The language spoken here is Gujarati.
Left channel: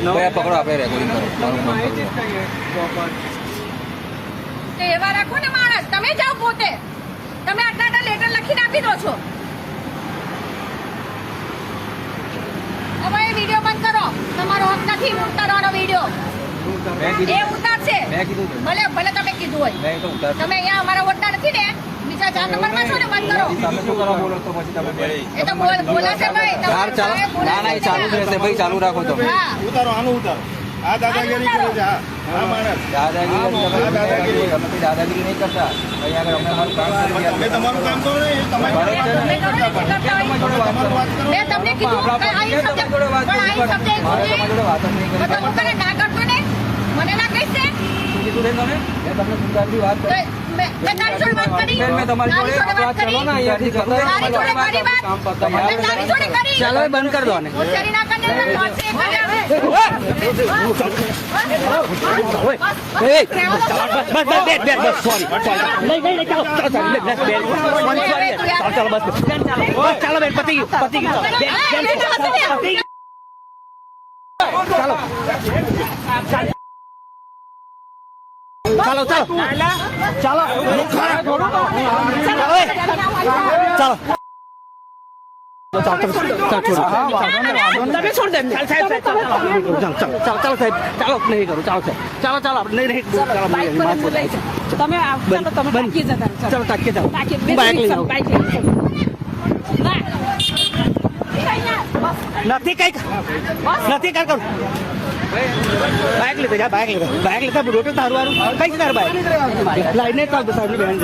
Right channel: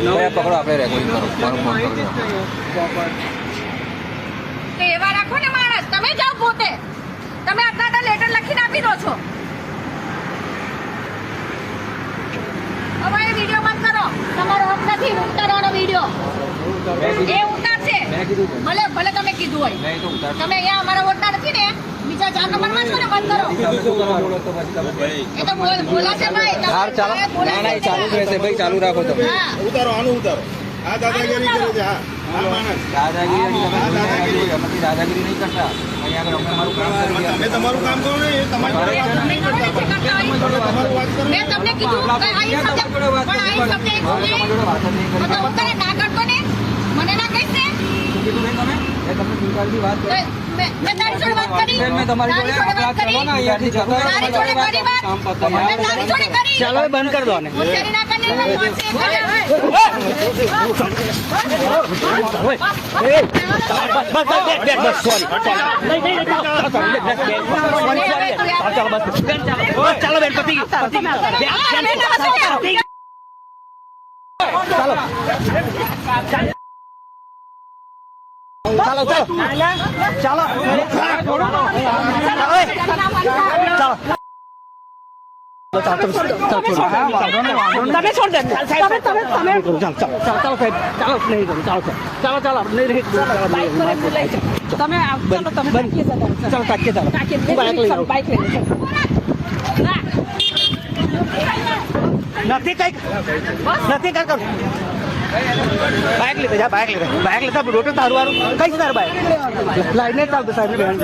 પકડો, આપણે રેકોર્ડિંગ કરો, મારું ફોન કરો. એવા રાખો ને માણસ, તમે જાઓ પોતે. તમે આટલા લેટર લખીને આપી દો છો. અમારો વિડીયો બંધ કરો. તમારો હક નથી ઉતારવાનો વિડીયો. એ ઉતારશે. ભલે ભલે તમે કીધું હોય. તમે અહીંયા અમારા ઓળતા નથી ને, બીજા જામ નંબર નાખો ને બંધ કરો. એ તો બોલાશે નહીં. ના ના, એ ચાલુ જ રહેશે ભાઈ, ચાલુ રાખો તમે. ઉતારો, આનું ઉતારો. આ દાદાગીરી કરે છે. હા માણસ દાદાગીરી નહીં કરતા. અહીંયા આગળ અમે અમારું કામ કરી રહ્યા. તમે તમારું કામ કરો ને, તમારું મેં તમને કીધું ના કરતો ને, મને ના કહીશ ને. મેં તારી જોડે વાત કરી. ચાલો બંધ કરી દો ને. ચાલો બેન, પતિ ચાલો ચાલો ચાલો નથી કઈ બાઇક લીધો, બાઇક લીધો રોટે તારું કઈ છે તારું બાઇક લાઈને ચાલતો સાહેબ બેન.